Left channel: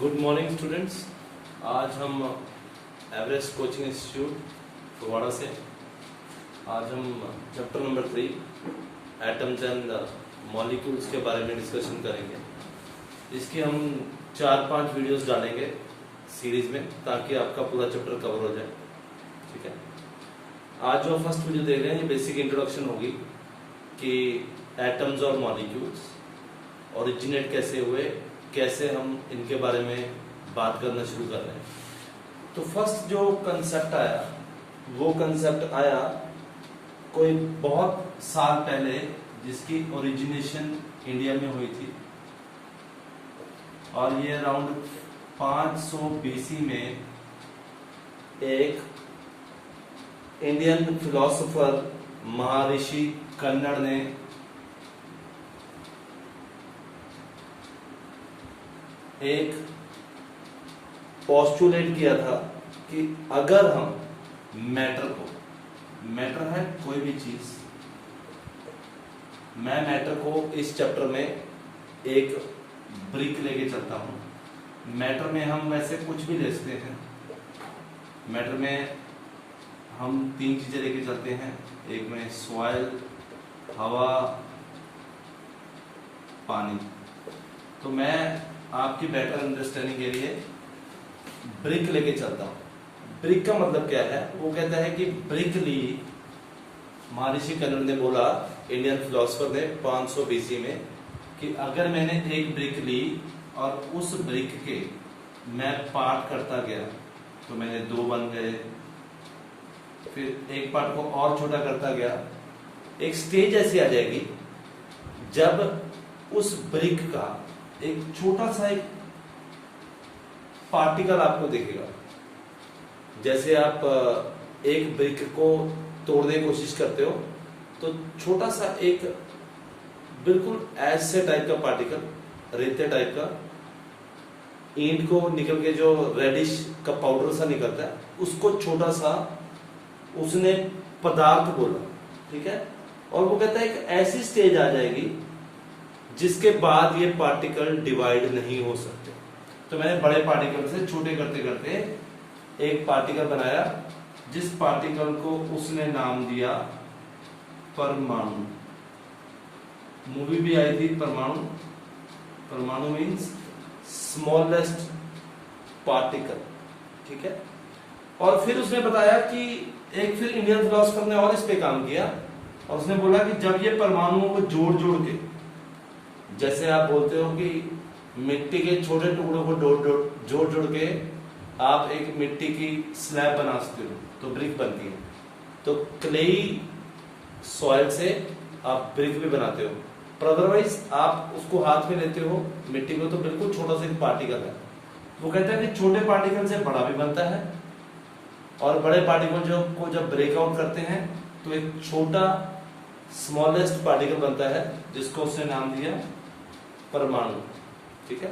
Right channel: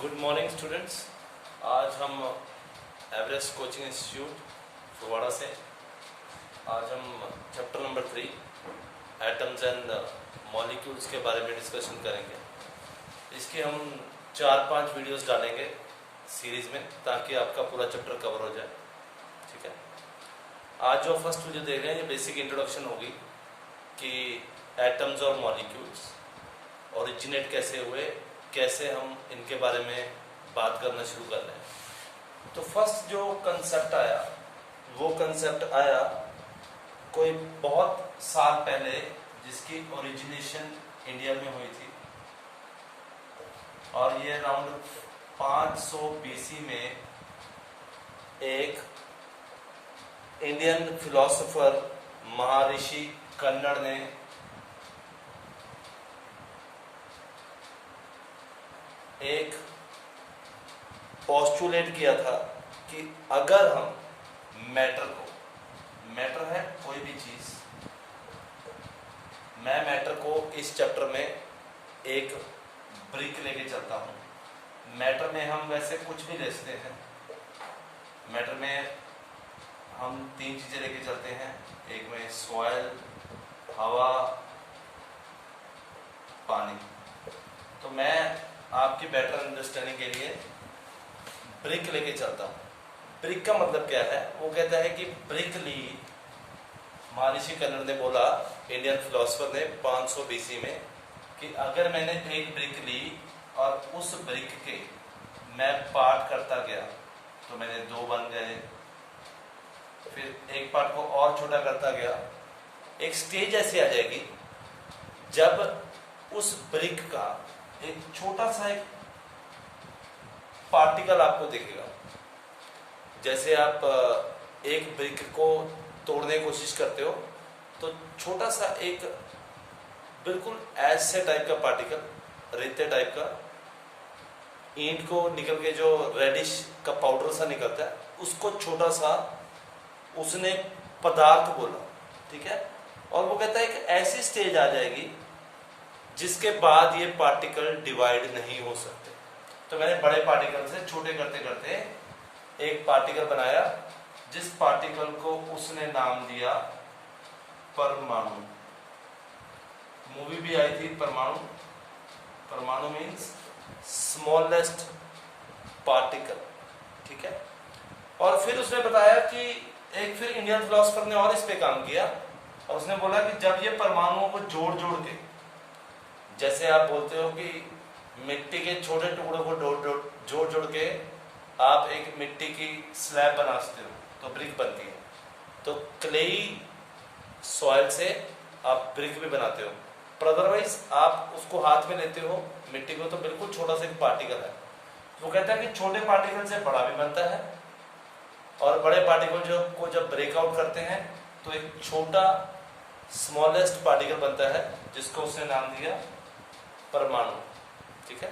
Good morning students. आज हम Everest coaching institute Phagwara से आज हम chapter number 3 atoms and molecules के बारे में डिस्कशन करेंगे। इसके हम 4-5 वीडियोस डालेंगे सीरीज में ताकि आपका पूरा चैप्टर कवर हो जाए। ठीक है, आज जो फर्स्ट वीडियो देख रहे हैं ये बेसिक इंट्रोडक्शन होगी कि एटम्स और मॉलिक्यूल्स ओरिजिनेट कैसे हुए, कैसे हम इनके बारे में बात करना शुरू कर रहे हैं। तो फर्स्ट जो कंसेप्ट आया वो कंसेप्ट आया कोई बहुत साल पहले, जिसकी ओरिजिनेशन इंडिया में हुई थी और ये अराउंड 500 BC में एक इंडियन फिलोसोफर महर्षि कन्नड़ ने एक पोस्टुलेट किया था कि अगर हम मैटर है कोई भी चीज, मैं मैटर को इस चैप्टर में एक ब्रिक लेके चलता हूं। मैटर में हम वैसे कुछ भी ले सकते हैं। मैटर में हम 3 चीजें लेके चलते हैं, एक में सॉइल, हवा, पानी। तो मैं आपकी बेटर अंडरस्टैंडिंग के लिए ब्रिक लेके चलता हूं। ब्रिक का मतलब क्या है? वो कहता है कि ब्रिक ली, महर्षि कन्नड़ ने बोला, इंडियन फिलोसोफर ने 500 BC में, कि अगर मैंने एक ब्रिक ली और उस ब्रिक के मैं पार्ट करता गया तो मैंने 2 बन गए, फिर एक पार्ट को और छोटा करता गया। एक स्टेज ऐसी आ जाएगी जब उस ब्रिक का एक छोटा सा एक पार्टिकल आपको दिखेगा। जैसे आप एक ब्रिक को तोड़ने की कोशिश करते हो तो छोटा सा एक बिल्कुल ऐसे टाइप का पार्टिकल, रेते टाइप का, ईंट को निकल के जो रेडिश का पाउडर सा निकलता है, उसको छोटा सा उसने पदार्थ बोला। ठीक है, और वो कहता है कि ऐसी स्टेज आ जाएगी जिसके बाद ये पार्टिकल डिवाइड नहीं हो सकते। तो मैंने बड़े पार्टिकल से छोटे करते करते एक पार्टिकल बनाया, जिस पार्टिकल को उसने नाम दिया परमाणु। मूवी भी आई थी परमाणु। परमाणु मीन्स स्मॉलेस्ट पार्टिकल। ठीक है, और फिर उसने बताया कि एक फिर इंडियन फिलोसोफर ने और इस पे काम किया और उसने बोला कि जब ये परमाणुओं को जोड़ जोड़ के, जैसे आप बोलते हो कि मिट्टी के छोटे टुकड़ों को जोड़ जोड़ के आप एक मिट्टी की स्लैब बना सकते हो तो ब्रिक बनती है। तो क्लेई सॉइल से आप ब्रिक भी बनाते हो, पर अदरवाइज आप उसको हाथ में लेते हो मिट्टी को तो बिल्कुल छोटा सा एक पार्टिकल है। वो कहता है कि छोटे पार्टिकल से बड़ा भी बनता है और बड़े पार्टिकल को जब ब्रेकआउट करते हैं तो एक छोटा स्मॉलेस्ट पार्टिकल बनता है, जिसको उसने नाम दिया परमाणु। ठीक है,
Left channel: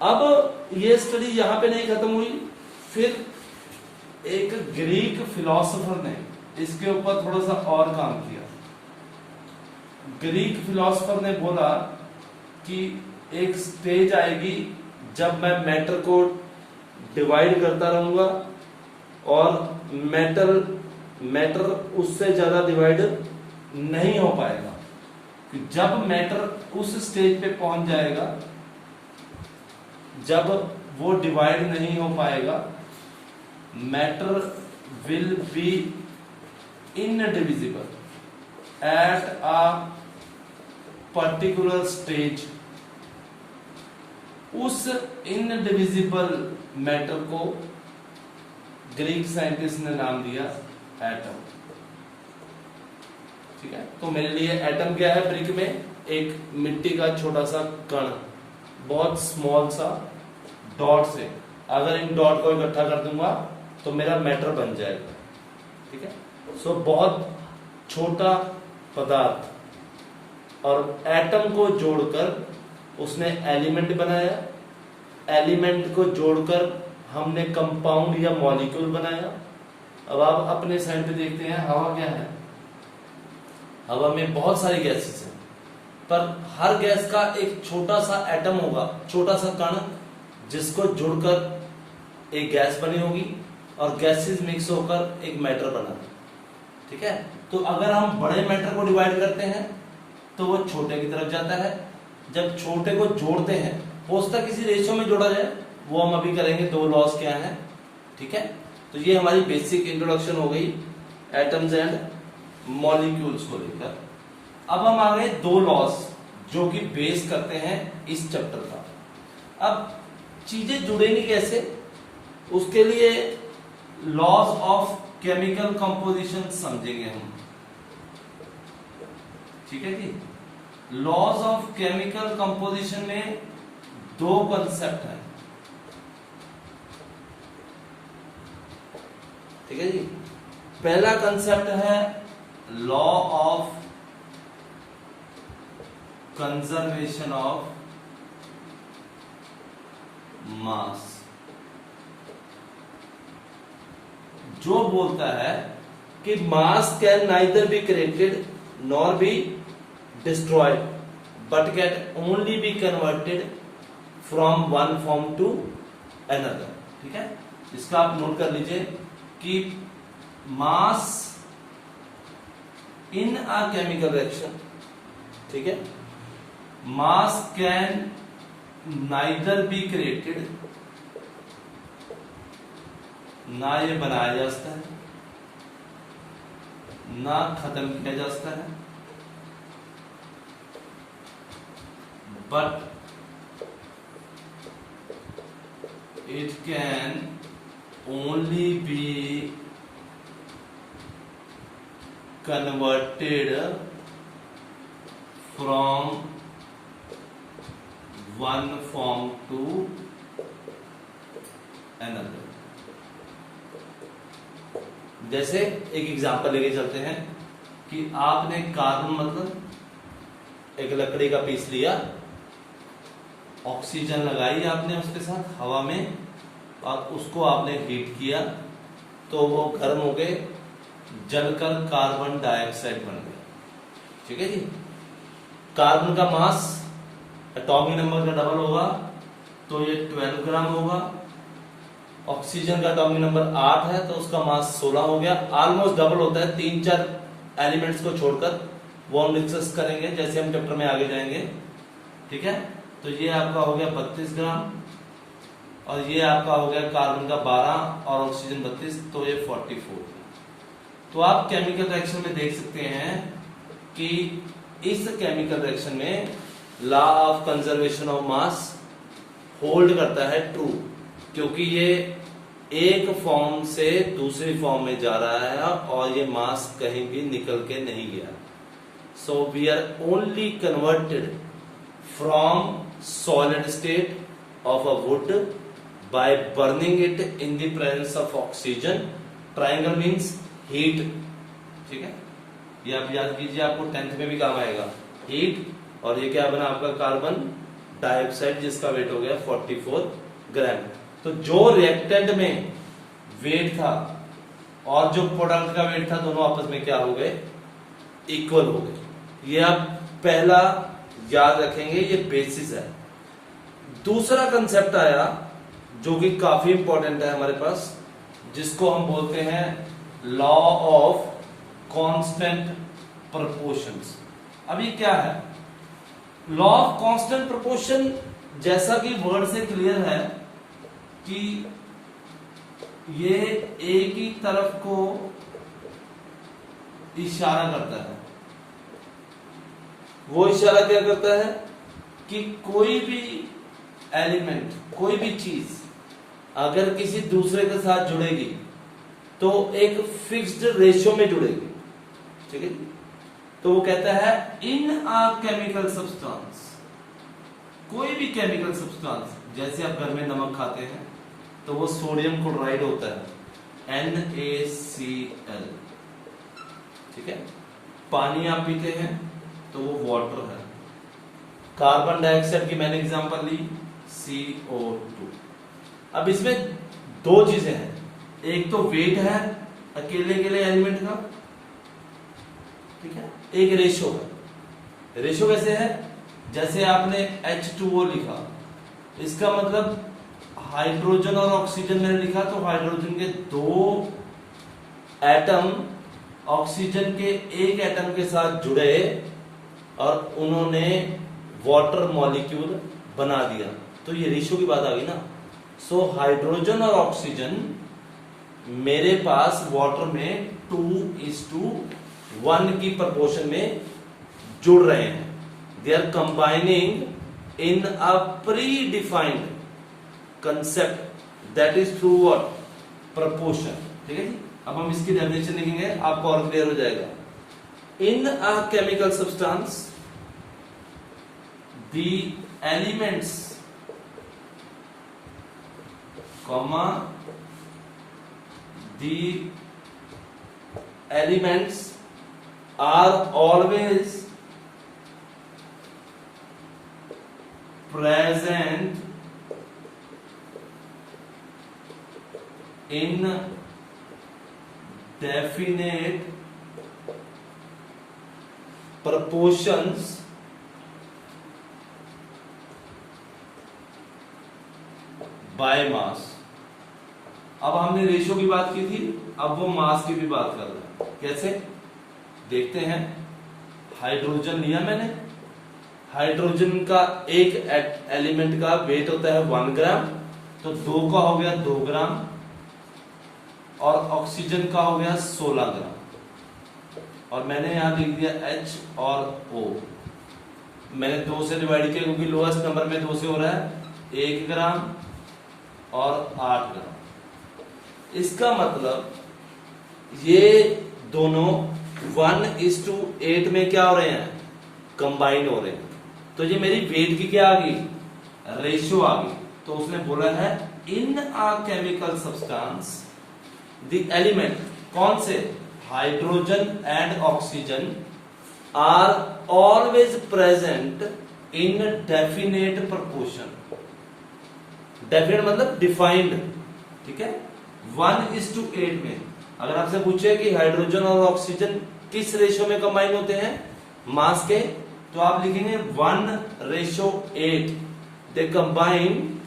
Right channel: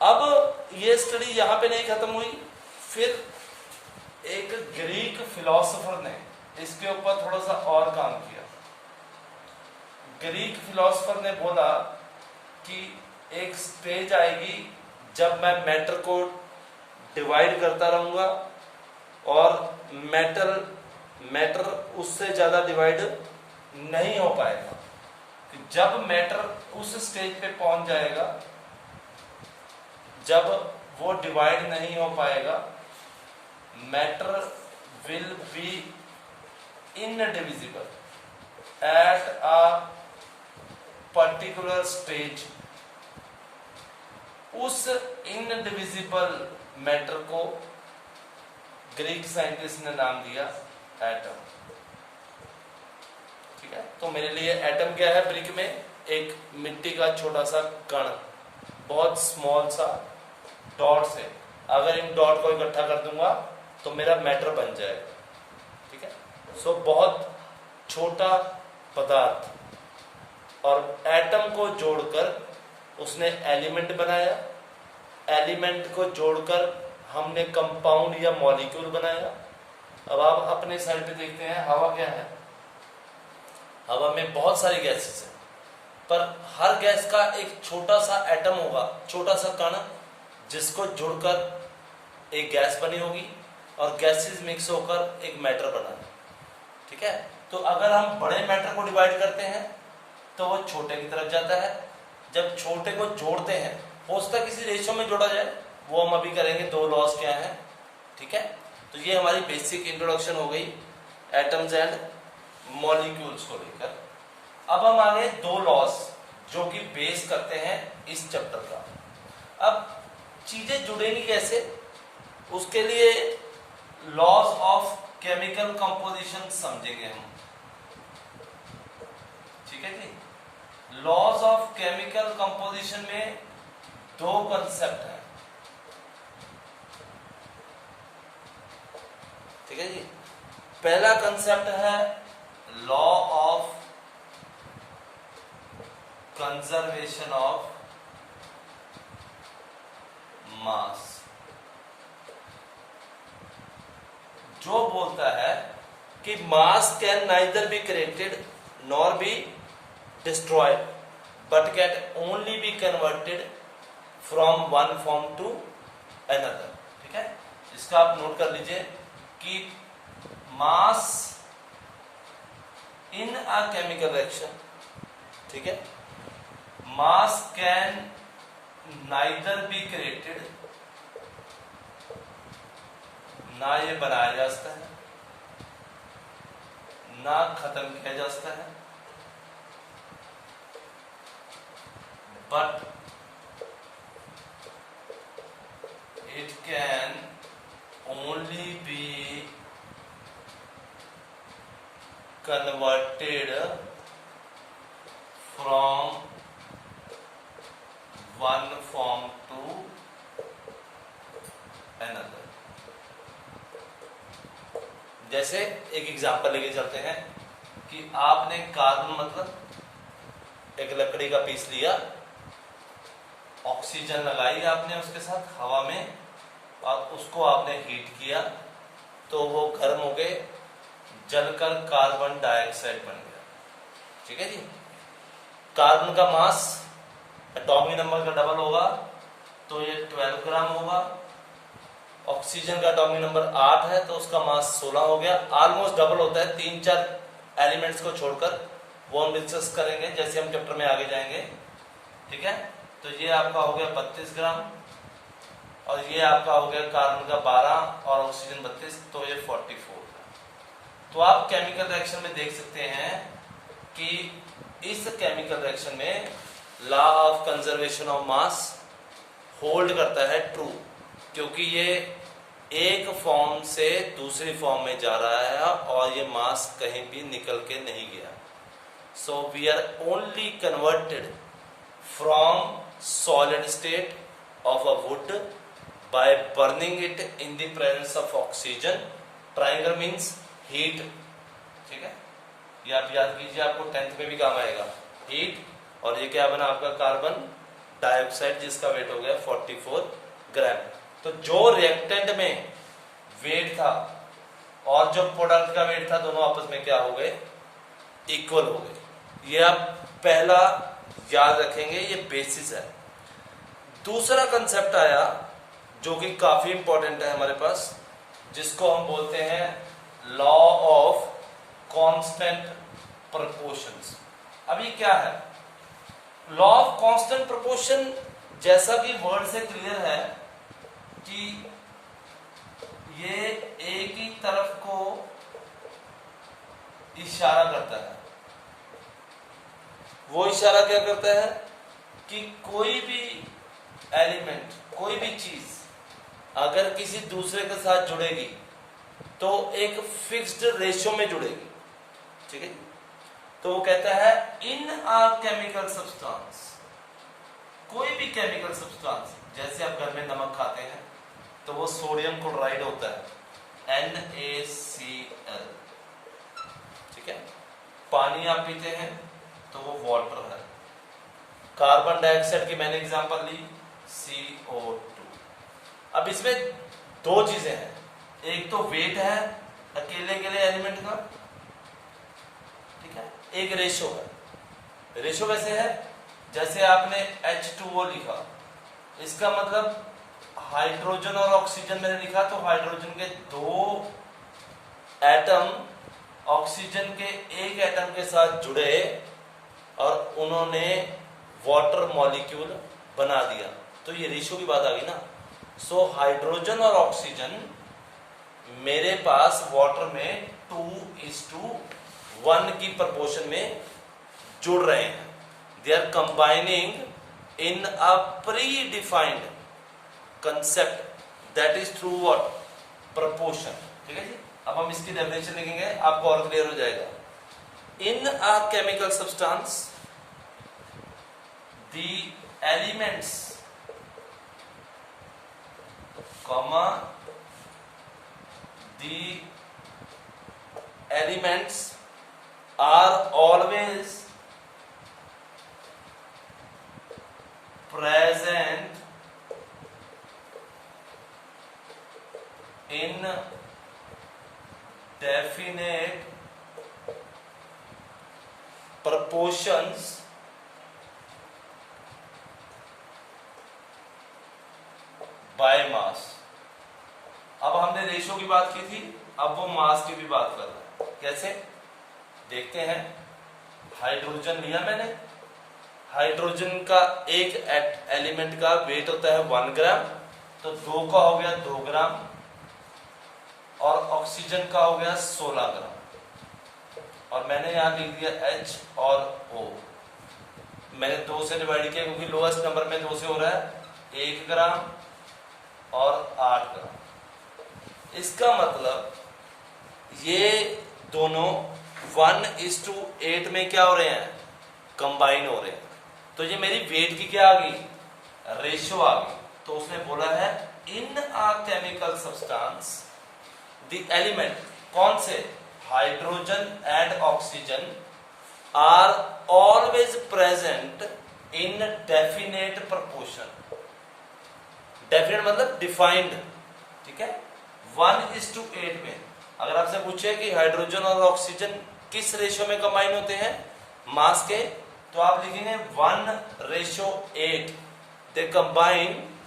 अब ये स्टडी यहां पे नहीं खत्म हुई। फिर एक ग्रीक फिलोसोफर ने इसके ऊपर थोड़ा सा और काम किया। ग्रीक फिलोसोफर ने बोला कि एक स्टेज आएगी जब मैं मैटर को डिवाइड करता रहूंगा और मैटर उससे ज्यादा डिवाइड नहीं हो पाएगा। जब मैटर उस स्टेज पे पहुंच जाएगा जब वो डिवाइड नहीं हो पाएगा, matter will be indivisible at a particular stage. उस इनडिविजिबल मैटर को ग्रीक साइंटिस्ट ने नाम दिया एटम। ठीक है, तो मेरे लिए एटम क्या है? ब्रिक में एक मिट्टी का छोटा सा कण, बहुत स्मॉल सा डॉट से, अगर इन डॉट को इकट्ठा कर दूंगा तो मेरा मैटर बन जाएगा। ठीक है, सो बहुत छोटा पदार्थ और एटम को जोड़कर उसने एलिमेंट बनाया। एलिमेंट को जोड़कर हमने कंपाउंड या मॉलिक्यूल बनाया। अब आप अपने साइड पे देखते हैं, हवा क्या है? हवा में बहुत सारी गैसेस हैं, पर हर गैस का एक छोटा सा एटम होगा, छोटा सा कण, जिसको जुड़कर एक गैस बनी होगी और गैसेस मिक्स होकर एक मैटर बना है। ठीक है, तो अगर हम बड़े मैटर को डिवाइड करते हैं तो वो छोटे की तरफ जाता है, जब छोटे को जोड़ते हैं हो सकता है किसी रेशियो में जोड़ा जाए, वो हम अभी करेंगे। दो लॉस क्या है, ठीक है। तो ये हमारी बेसिक इंट्रोडक्शन हो गई एटम्स एंड मॉलिक्यूल्स को लेकर। अब हम आ गए दो लॉस जो कि बेस करते हैं इस चैप्टर का। अब चीजें जुड़ेंगी कैसे, उसके लिए लॉज ऑफ केमिकल कंपोजिशन समझेंगे हम। ठीक है जी, लॉज ऑफ केमिकल कंपोजिशन में दो कंसेप्ट हैं। ठीक है जी, पहला कंसेप्ट है law of conservation of mass, जो बोलता है कि mass can neither be created nor be destroyed but can only be converted from one form to another. ठीक है, इसका आप नोट कर लीजिए कि मास इन अ केमिकल रिएक्शन, ठीक है, मास कैन नाइदर बी क्रिएटेड, ना ये बनाया जा सकता है ना खत्म किया जा सकता है, but it can only be converted from one form to another। जैसे एक एग्जांपल लेके चलते हैं कि आपने कार्बन मतलब एक लकड़ी का पीस लिया, ऑक्सीजन लगाई आपने उसके साथ हवा में और उसको आपने हीट किया तो वो गर्म हो गए, जलकर कार्बन डाइऑक्साइड बन गया। ठीक है जी, कार्बन का मास एटॉमिक नंबर का डबल होगा तो ये 12 ग्राम होगा। ऑक्सीजन का एटॉमिक नंबर 8 है तो उसका मास 16 हो गया। ऑलमोस्ट डबल होता है 3-4 एलिमेंट्स को छोड़कर, वो हम डिस्कस करेंगे जैसे हम चैप्टर में आगे जाएंगे। ठीक है, तो ये आपका हो गया 32 ग्राम और ये आपका हो गया कार्बन का 12 और ऑक्सीजन 32, तो ये 44। तो आप केमिकल रिएक्शन में देख सकते हैं कि इस केमिकल रिएक्शन में law of conservation of mass hold करता है ट्रू, क्योंकि ये एक फॉर्म से दूसरी फॉर्म में जा रहा है और ये मास कहीं भी निकल के नहीं गया। So we are only converted from solid state of a wood by burning it in the presence of oxygen। triangle means heat। ठीक है, ये आप याद कीजिए, आपको 10th में भी काम आएगा। हीट और ये क्या बना आपका कार्बन डाइऑक्साइड जिसका वेट हो गया 44 ग्राम। तो जो रिएक्टेंट में वेट था और जो प्रोडक्ट का वेट था दोनों आपस में क्या हो गए, इक्वल हो गए। ये आप पहला याद रखेंगे, ये बेसिस है। दूसरा कंसेप्ट आया जो कि काफी इंपॉर्टेंट है हमारे पास, जिसको हम बोलते हैं लॉ ऑफ कांस्टेंट प्रोपोर्शंस। अब ये क्या है लॉ ऑफ कांस्टेंट प्रोपोर्शन? जैसा कि वर्ड से क्लियर है कि ये एक ही तरफ को इशारा करता है। वो इशारा क्या करता है कि कोई भी एलिमेंट, कोई भी चीज अगर किसी दूसरे के साथ जुड़ेगी तो एक फिक्स्ड रेशियो में जुड़ेगी। ठीक है, तो वो कहता है इन अ केमिकल सब्सटेंस, कोई भी केमिकल सब्सटेंस, जैसे आप घर में नमक खाते हैं तो वो सोडियम क्लोराइड होता है NaCl। ठीक है, पानी आप पीते हैं तो वो वाटर है। कार्बन डाइऑक्साइड की मैंने एग्जांपल ली CO2। अब इसमें दो चीजें हैं, एक तो वेट है अकेले एलिमेंट का, ठीक है, एक रेशो है। रेशो कैसे है, जैसे आपने H2O लिखा, इसका मतलब हाइड्रोजन और ऑक्सीजन मैंने लिखा, तो हाइड्रोजन के 2 एटम ऑक्सीजन के 1 एटम के साथ जुड़े और उन्होंने वाटर मॉलिक्यूल बना दिया, तो ये रेशियो की बात आ गई ना। सो हाइड्रोजन और ऑक्सीजन मेरे पास वाटर में 2:1 की प्रोपोर्शन में जुड़ रहे हैं। They are combining in a predefined concept that is through what, proportion. ठीक है जी, अब हम इसकी डेफिनेशन लिखेंगे, आपको और क्लियर हो जाएगा। In a chemical substance the elements comma the elements are always present in definite proportions by mass। अब हमने रेशियो की बात की थी, अब वो मास की भी बात कर रहे हैं। कैसे देखते हैं। हाइड्रोजन लिया मैंने, हाइड्रोजन का एक एलिमेंट का वेट होता है 1 ग्राम, तो 2 का हो गया 2 ग्राम और ऑक्सीजन का हो गया 16 ग्राम। और मैंने यहां लिख दिया H और O। मैंने 2 से डिवाइड किया क्योंकि लोएस्ट नंबर में 2 से हो रहा है, 1 ग्राम और 8 ग्राम। इसका मतलब ये दोनों 1:8 में क्या हो रहे हैं, कंबाइन हो रहे हैं। तो ये मेरी वेट की क्या आ गई, रेशियो आ गई। तो उसने बोला है in a chemical substance the element, कौन से, hydrogen and oxygen are always present in definite proportion. Definite मतलब डिफाइंड, ठीक है। 1:8 में अगर आपसे पूछे कि हाइड्रोजन और ऑक्सीजन किस रेशियो में कंबाइन होते हैं मास के, तो आप लिखेंगे 1:8। They combine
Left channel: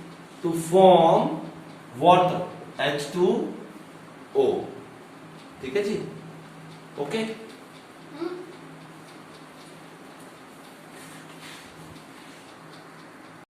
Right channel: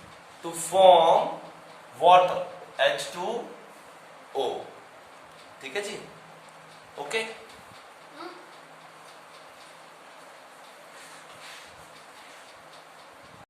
to form water H2O। ठीक है जी, ओके।